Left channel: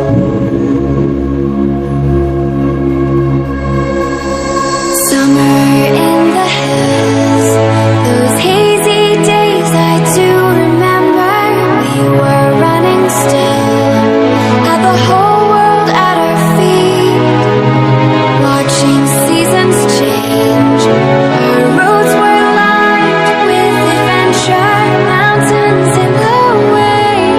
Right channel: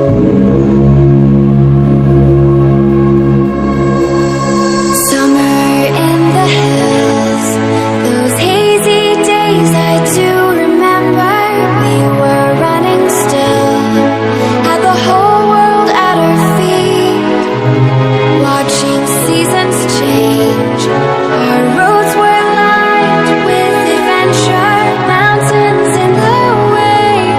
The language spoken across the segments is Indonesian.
Summer in the hills, those hazy days I do remember. We were running still, had the whole world at our feet, watching seasons change. Our roads were lined with adventure, mountains in the way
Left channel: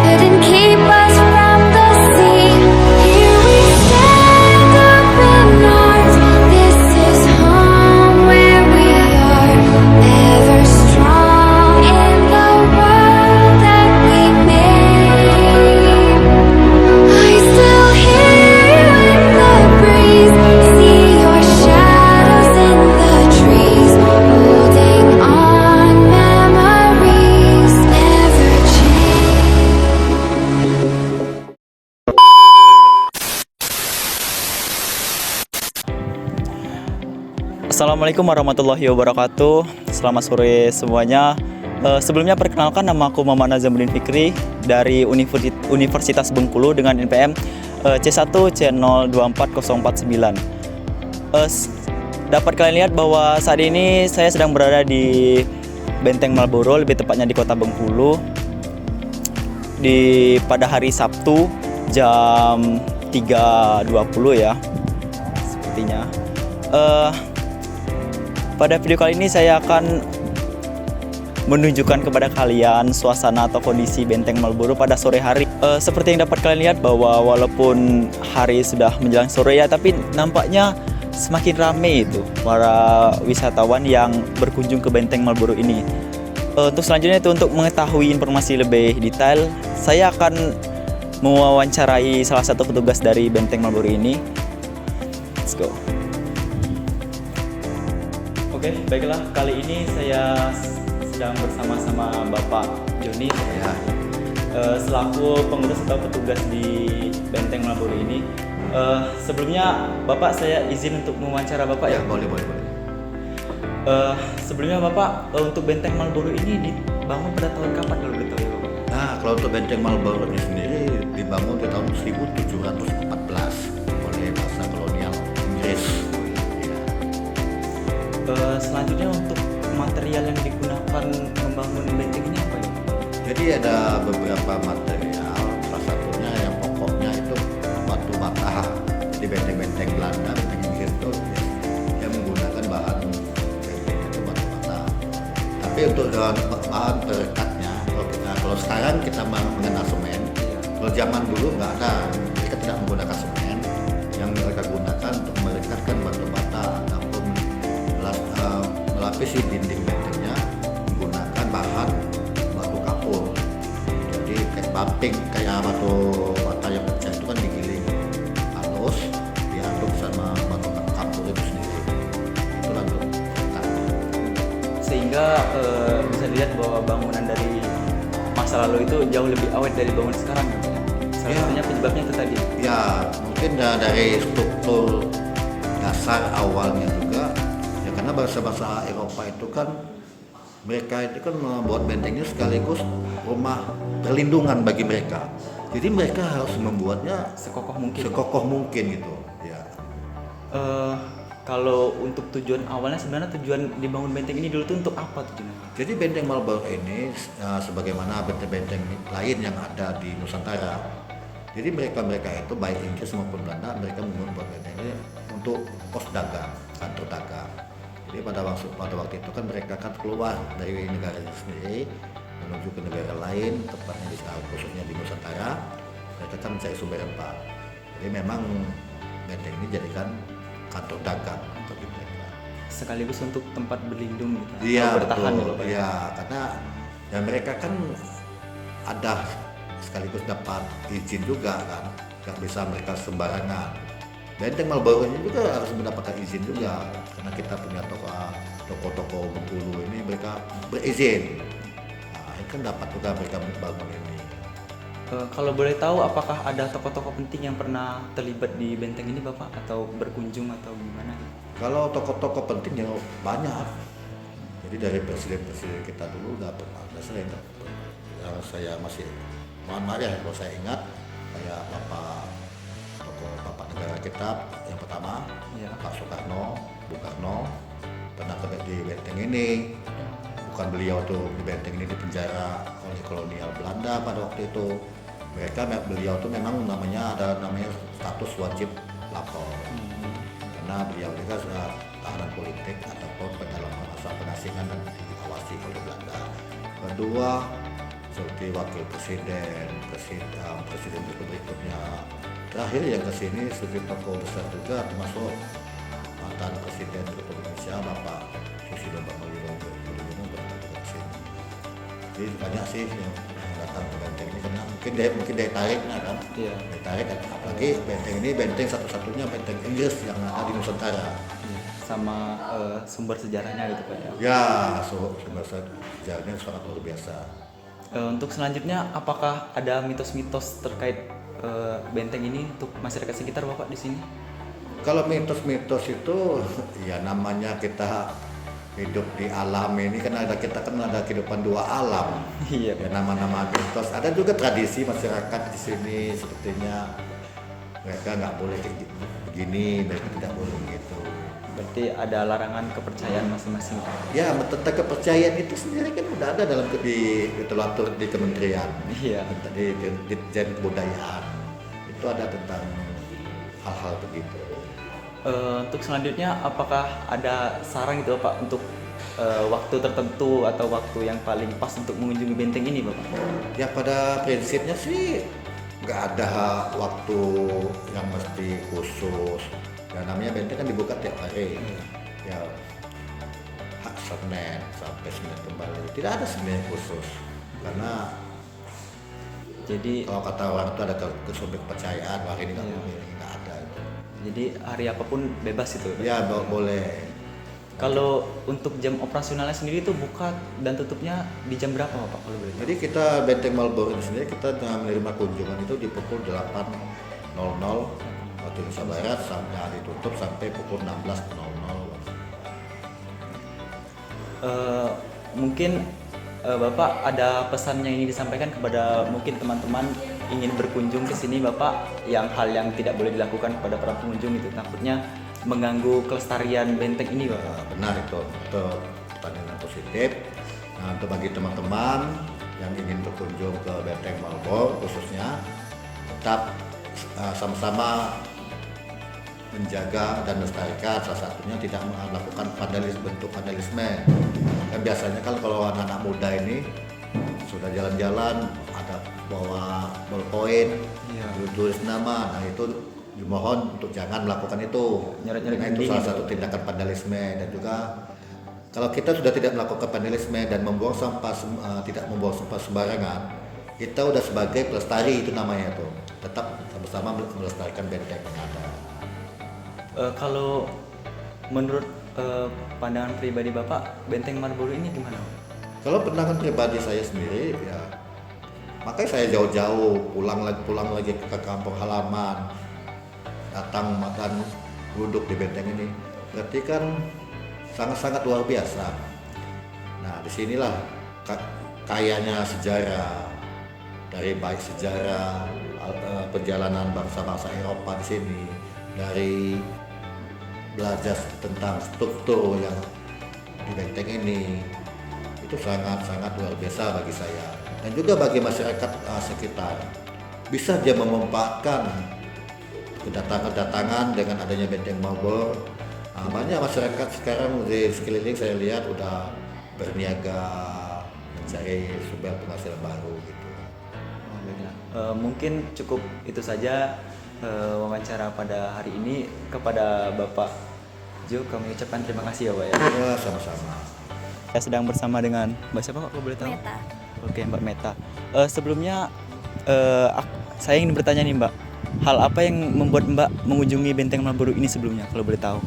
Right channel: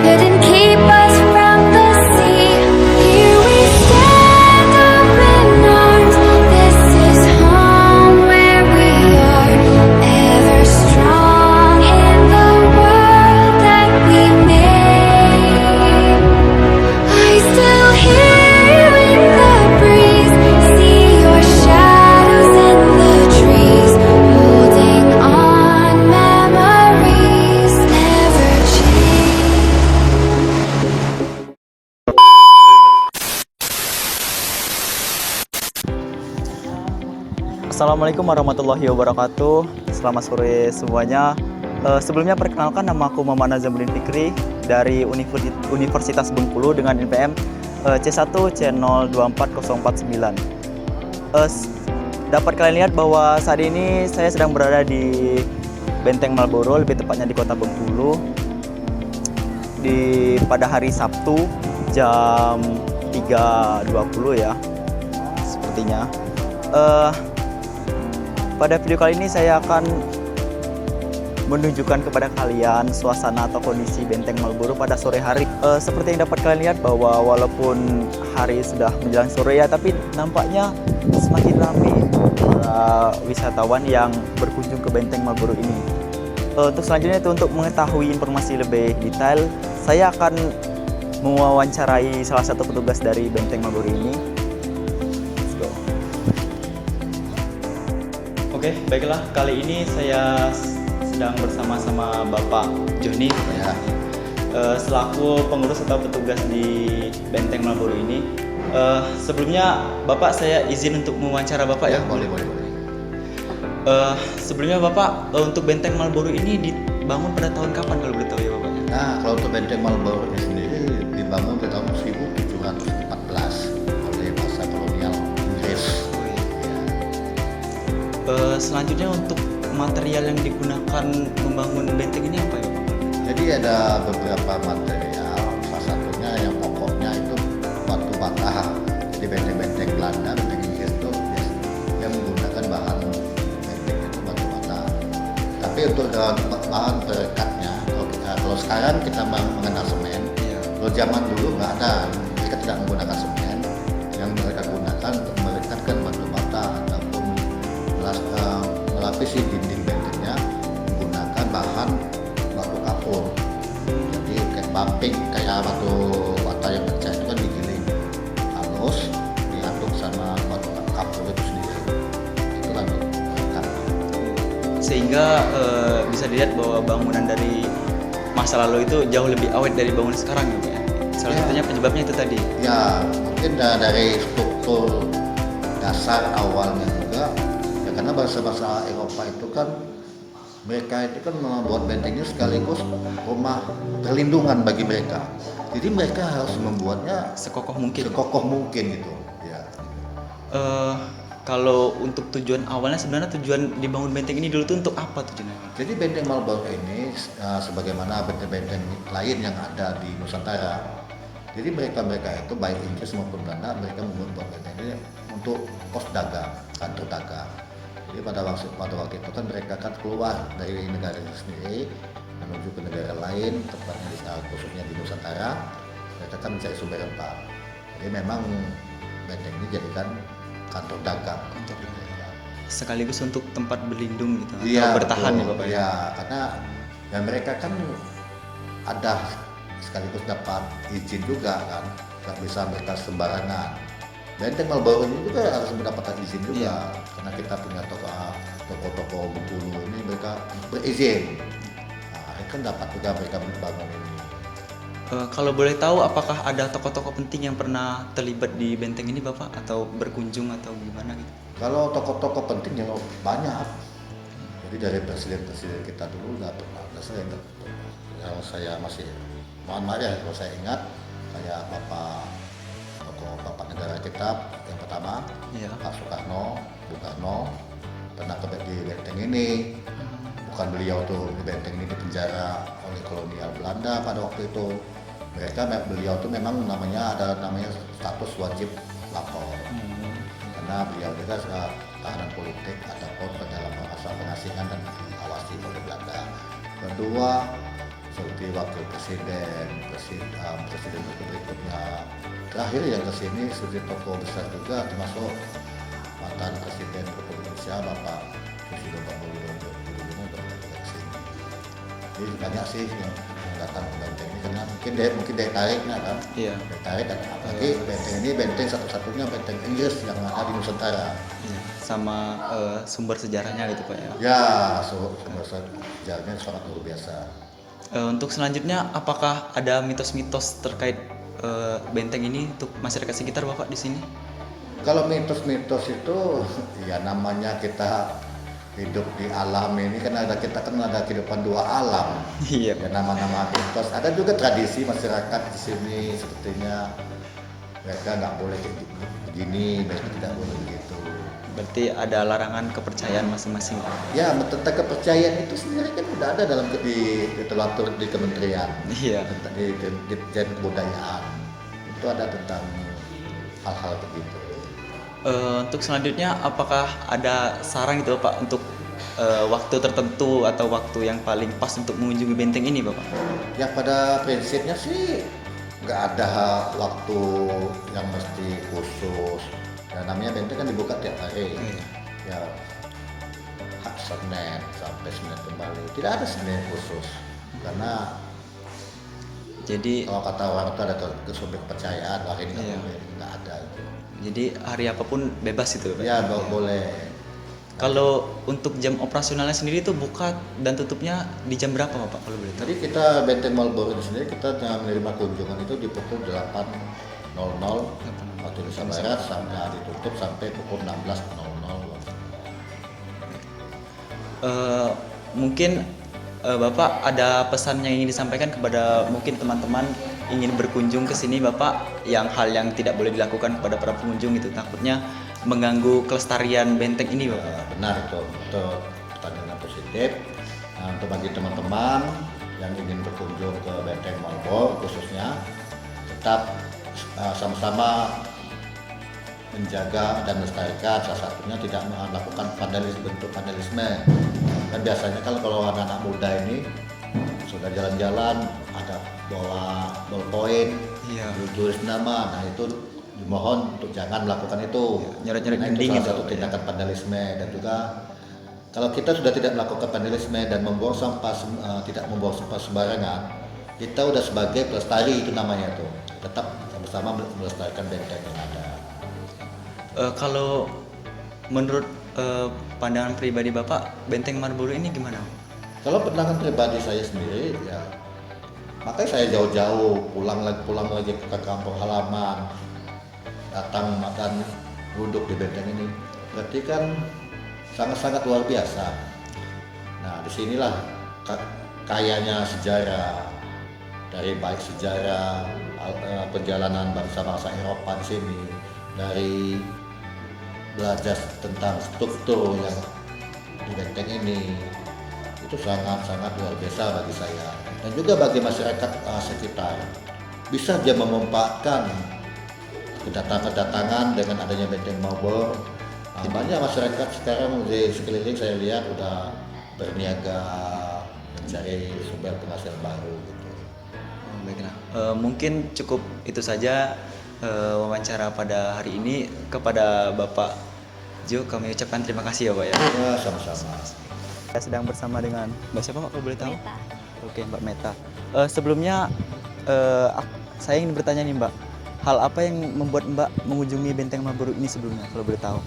couldn't keep us from the sea. Here we stand open arms. This is home where we are, ever strong in the world that we made. I still hear you in the breeze, see your shadows in the trees, holding on, memories never change. Assalamualaikum warahmatullahi wabarakatuh. Selamat sore semuanya. Sebelumnya perkenalkan, nama aku Muhammad Nazamuddin Fikri dari Universitas Bengkulu dengan NPM C1 C024049. Dapat kalian lihat bahwa saat ini saya sedang berada di Benteng Marlboro, lebih tepatnya di Kota Bengkulu, pada hari Sabtu jam 3.20 ya, sepertinya. Pada video kali ini saya akan menunjukkan kepada kalian suasana atau kondisi Benteng Marlboro pada sore hari. Seperti yang dapat kalian lihat bahwa walaupun hari sudah menjelang sore ya, tapi nampaknya semakin ramai para wisatawan yang berkunjung ke Benteng Marlboro ini. Untuk selanjutnya itu, untuk mengetahui informasi lebih detail, saya akan mewawancarai salah satu petugas dari Benteng Marlboro ini. Let's go. Oke, baiklah, kali ini saya sedang bersama-sama Bapak Joni ya, selaku pengurus atau petugas di Benteng Marlboro ini. Sebelumnya Bapak, saya izin untuk mewawancara Bapak ya? Boleh. Sebelumnya Bapak, untuk Benteng Marlboro ini dibangun pada tahun kapan kalau betul ya Bapak? Nah, kalau untuk Benteng Marlboro ini sendiri dibangun pada tahun 1714 oleh masa kolonial Inggris. Selanjutnya untuk material yang digunakan membangun benteng ini apa ya? Jadi ada beberapa material, salah satunya yang pokoknya itu batu bata. Di benteng-benteng Belanda, benteng Inggris itu dia menggunakan bahan benteng itu batu bata. Tapi untuk bahan perekatnya, kalau sekarang kita mengenal semen, kalau zaman dulu nggak ada, kita tidak menggunakan semen. Yang mereka gunakan untuk merekatkan batu bata ataupun melapisi dinding bentengnya menggunakan bahan batu kapur. Jadi kayak bumping, kayak batu bata yang pecah itu kan digiling halus, diaduk sama batu kapur itu sendiri. Itulah untuk perekat. Sehingga bisa dilihat bahwa bangunan dari masa lalu itu jauh lebih awet dari bangunan sekarang ya Pak? Salah satunya penyebabnya itu tadi. Ya, mungkin dari struktur dasar awalnya juga. Karena bangsa-bangsa Eropa itu kan mereka itu kan membuat bentengnya sekaligus rumah perlindungan bagi mereka. Jadi mereka harus membuatnya Sekokoh mungkin gitu. Ya. Kalau untuk tujuan awalnya, sebenarnya tujuan dibangun benteng ini dulu itu untuk apa tujuannya? Jadi Benteng Marlboro ini sebagaimana benteng-benteng lain yang ada di Nusantara. Jadi mereka itu baik Inggris maupun Belanda, mereka membuat benteng ini untuk pos dagang, kantor dagang. Jadi pada waktu itu kan mereka kan keluar dari negara sendiri menuju ke negara lain, tepatnya khususnya di Nusantara. Mereka kan mencari sumber rempah. Jadi memang benteng ini jadikan kantor dagang untuk dagang. Sekaligus untuk tempat berlindung gitu. Iya, bertahan betul. Bapak. Iya, karena dan mereka kan ada sekaligus dapat izin juga kan, nggak bisa mereka sembarangan. Benteng Marlboro ini juga harus mendapatkan izin juga, karena kita punya toko-toko Bengkulu ini mereka berizin. Nah, itu kan dapat juga mereka membangun ini. Kalau boleh tahu, apakah ada tokoh-tokoh penting yang pernah terlibat di benteng ini Bapak, atau berkunjung atau gimana gitu? Kalau tokoh-tokoh penting ya banyak. Jadi dari presiden-presiden kita dulu udah pernah. Saya masih mohon maaf ya kalau saya ingat, kayak Bapak kita yang pertama Iya. Pak Soekarno, Bung Karno pernah di benteng ini. Bukan beliau tuh di benteng ini dipenjara oleh kolonial Belanda pada waktu itu. Beliau tuh memang ada namanya status wajib lapor. Karena beliau juga tahanan politik ataupun pendalaman asal pengasingan dan diawasi oleh Belanda. Kedua, seperti wakil presiden berikutnya. Terakhir yang kesini sebagai tokoh besar juga termasuk mantan presiden Republik Indonesia Bapak Susilo Bambang Yudhoyono ke sini. Jadi banyak sih yang datang ke benteng ini karena mungkin daya tariknya kan. Iya. Daya tarik dan apalagi benteng ini benteng satu-satunya benteng Inggris yang ada di Nusantara. Iya. Sama sumber sejarahnya gitu Pak ya. Ya, sumber sejarahnya sangat luar biasa. Untuk selanjutnya, apakah ada mitos-mitos terkait benteng ini untuk masyarakat sekitar Bapak di sini? Kalau mitos-mitos itu ya namanya kita hidup di alam ini kan kita ada kehidupan dua alam. Iya. Ya nama-nama mitos. Ada juga tradisi masyarakat di sini sepertinya mereka nggak boleh begini, mereka tidak boleh gitu. Berarti ada larangan kepercayaan masing-masing. Ya, tentang kepercayaan itu sendiri kan udah ada dalam literatur di kementerian, Iya. di Ditjen Kebudayaan itu ada tentang hal-hal begitu. Untuk selanjutnya, apakah ada saran gitu Pak untuk waktu tertentu atau waktu yang paling pas untuk mengunjungi benteng ini Bapak? Ya pada prinsipnya sih nggak ada waktu yang mesti khusus. Nah, namanya benteng kan dibuka tiap hari. Ya Senin sampai Senin kembali. Tidak ada Senin khusus karena Jadi kalau kata orang itu ada kepercayaan wah ini nggak Iya. boleh, ini nggak ada itu. jadi hari apapun bebas itu Pak? Ya boleh. Kalau untuk jam operasionalnya sendiri itu buka dan tutupnya di jam berapa Pak kalau boleh tahu? Jadi kita Benteng Marlborough ini sendiri kita menerima kunjungan itu di pukul 8.00 waktu Indonesia Barat sampai ditutup sampai pukul 16.00. Mungkin Bapak ada pesan yang ingin disampaikan kepada mungkin teman-teman ingin berkunjung ke sini Bapak, yang hal yang tidak boleh dilakukan kepada para pengunjung itu takutnya mengganggu kelestarian benteng ini Bapak. Benar itu pertanyaan yang positif. Nah, untuk bagi teman-teman yang ingin berkunjung ke Benteng Marlborough khususnya tetap sama-sama menjaga dan melestarikan, salah satunya tidak melakukan bentuk vandalisme. Dan biasanya kalau anak-anak muda ini sudah jalan-jalan ada bawa ballpoint, Iya. tulis nama, nah itu dimohon untuk jangan melakukan itu. Nyoret-nyoret Karena itu dinding salah gitu. satu tindakan vandalisme. Dan juga kalau kita sudah tidak melakukan vandalisme dan membuang sampah tidak membuang sampah sembarangan, kita udah sebagai pelestari itu namanya tuh. Tetap bersama melestarikan benteng yang ada. Kalau menurut pandangan pribadi Bapak, Benteng Marlborough ini gimana? Kalau pandangan pribadi saya sendiri ya, makanya saya jauh-jauh pulang lagi ke kampung halaman, datang makan duduk di benteng ini. Berarti kan sangat-sangat luar biasa. Nah, disinilah kayanya sejarah, dari baik sejarah perjalanan bangsa-bangsa Eropa di sini, dari belajar tentang struktur yang di benteng ini, itu sangat-sangat luar biasa bagi saya dan juga bagi masyarakat sekitar. Bisa dia memanfaatkan kedatangan dengan adanya Benteng Marlborough. Banyak masyarakat sekarang di sekeliling saya lihat udah berniaga mencari sumber penghasilan baru gitu. Baiklah, mungkin cukup itu saja wawancara pada hari ini. Kepada Bapak Jo kami ucapkan terima kasih ya Pak ya. Ya sama-sama. Saya sedang bersama dengan Mbak siapa Pak kalau boleh tahu? Meta. Oke Mbak Meta. Sebelumnya saya ingin bertanya nih Mbak, hal apa yang membuat Mbak mengunjungi Benteng Marlborough ini sebelumnya kalau boleh tahu?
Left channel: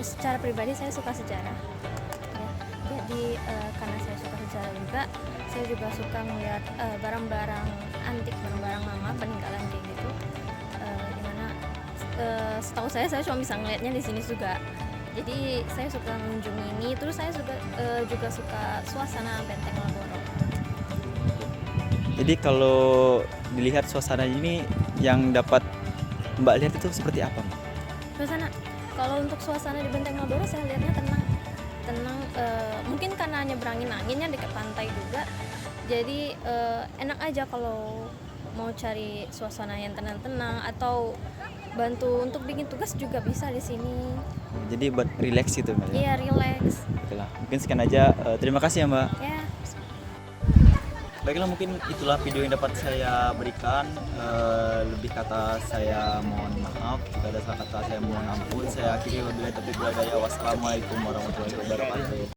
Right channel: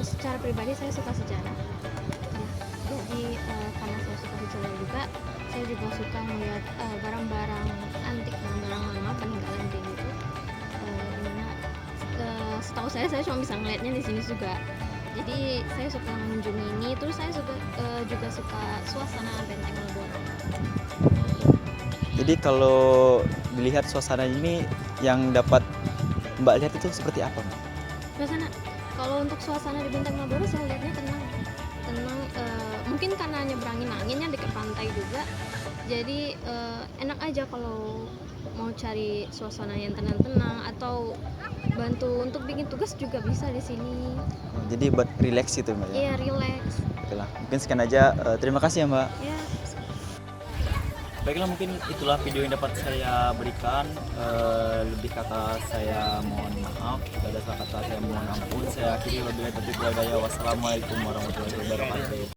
Secara pribadi saya suka sejarah. Ya, jadi karena saya suka sejarah juga, saya juga suka melihat barang-barang antik, barang-barang lama peninggalan kayak gitu. Dimana setahu saya cuma bisa ngeliatnya di sini juga. Jadi saya suka mengunjungi ini. Terus saya juga suka suasana Benteng Marlborough. Jadi kalau dilihat suasana ini yang dapat Mbak lihat itu seperti apa, Mbak? Suasana, kalau untuk suasana di Benteng Marlboro saya lihatnya tenang, mungkin karena nyebrangin aja dekat pantai juga, jadi enak aja kalau mau cari suasana yang tenang-tenang atau bantu untuk bikin tugas juga bisa di sini. Jadi buat relax gitu, Mbak ya? Iya, relax. Itulah. Mungkin sekian aja. Terima kasih ya, Mbak. Ya. Baiklah, mungkin itulah video yang dapat saya berikan. Lebih kata saya mohon maaf, jika ada salah kata saya mohon ampun. Saya akhiri wabillahi taufiq wal hidayah. Wassalamualaikum warahmatullahi wabarakatuh.